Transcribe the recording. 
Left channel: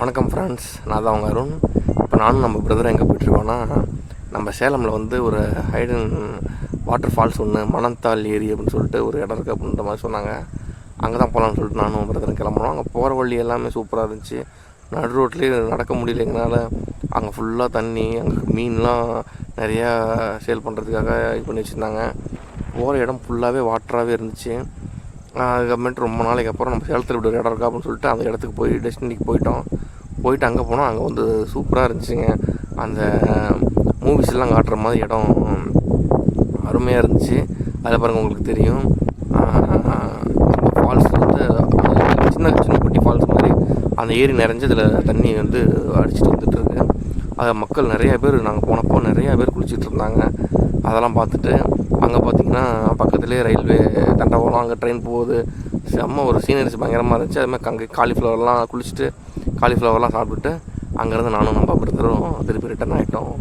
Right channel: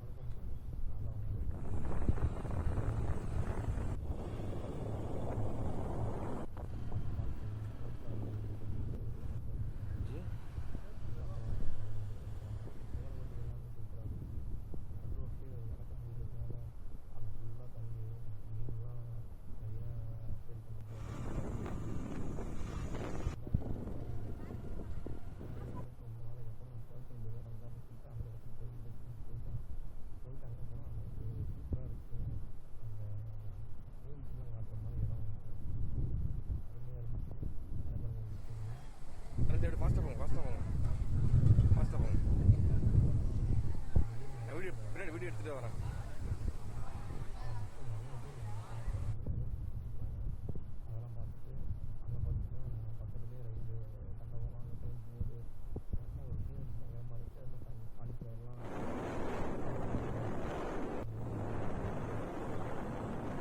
வணக்கம் ஃப்ரெண்ட்ஸ், நான் தான் அவங்க அருண். இப்போ நானும் நம்ம பிரதரும் எங்கே போயிட்டுருக்கோன்னா, நம்ம சேலமில் வந்து ஒரு ஹைடன் வாட்டர் ஃபால்ஸ் ஒன்று மணந்தால் ஏரி அப்படின்னு சொல்லிட்டு ஒரு இடம் இருக்குது அப்படின்ற மாதிரி சொன்னாங்க. அங்கே தான் போகலான்னு சொல்லிட்டு நானும் பிரதரும் கிளம்புறோம். அங்கே போகிற வழி எல்லாமே சூப்பராக இருந்துச்சு. நடு ரோட்லேயே நடக்க முடியல எங்களால். அங்கே ஃபுல்லாக தண்ணி, அங்கே மீன்லாம் நிறையா சேல் பண்ணுறதுக்காக இது பண்ணி வச்சுருந்தாங்க. போகிற இடம் ஃபுல்லாகவே வாட்டராகவே இருந்துச்சு. அதுக்கப்புறமேட்டு ரொம்ப நாளைக்கு அப்புறம் நம்ம சேலத்தில் இப்படி ஒரு இடம் இருக்கா அப்படின்னு சொல்லிட்டு அந்த இடத்துக்கு போய் டெஸ்டினிக்கு போயிட்டு அங்கே போனால் அங்கே வந்து சூப்பராக இருந்துச்சுங்க. அந்த மூவிஸ்லாம் காட்டுற மாதிரி இடம் அருமையாக இருந்துச்சு. அதில் பாருங்கள், உங்களுக்கு தெரியும், ஃபால்ஸ் வந்து சின்ன சின்ன குட்டி ஃபால்ஸ் மாதிரி அந்த ஏரி நிறைஞ்சு இதில் தண்ணி வந்து அடிச்சுட்டு வந்துட்டுருக்கு. அதில் மக்கள் நிறையா பேர், நாங்கள் போனப்போ நிறையா பேர் குளிச்சுட்டு இருந்தாங்க. அதெல்லாம் பார்த்துட்டு அங்கே பார்த்திங்கன்னா பக்கத்துலேயே ரயில்வே தண்டவாளம், அங்கே ட்ரெயின் போகுது. செம்ம ஒரு சீனரிஸ் பயங்கரமாக இருந்துச்சு. அதுமாதிரி அங்கே காலிஃப்ளவர்லாம் குளிச்சுட்டு காலிஃப்ளவர்லாம் சாப்பிட்டுட்டு அங்கேருந்து நானும் நம்ம பிரதரும் திருப்பி ரிட்டன் ஆகிட்டோம்.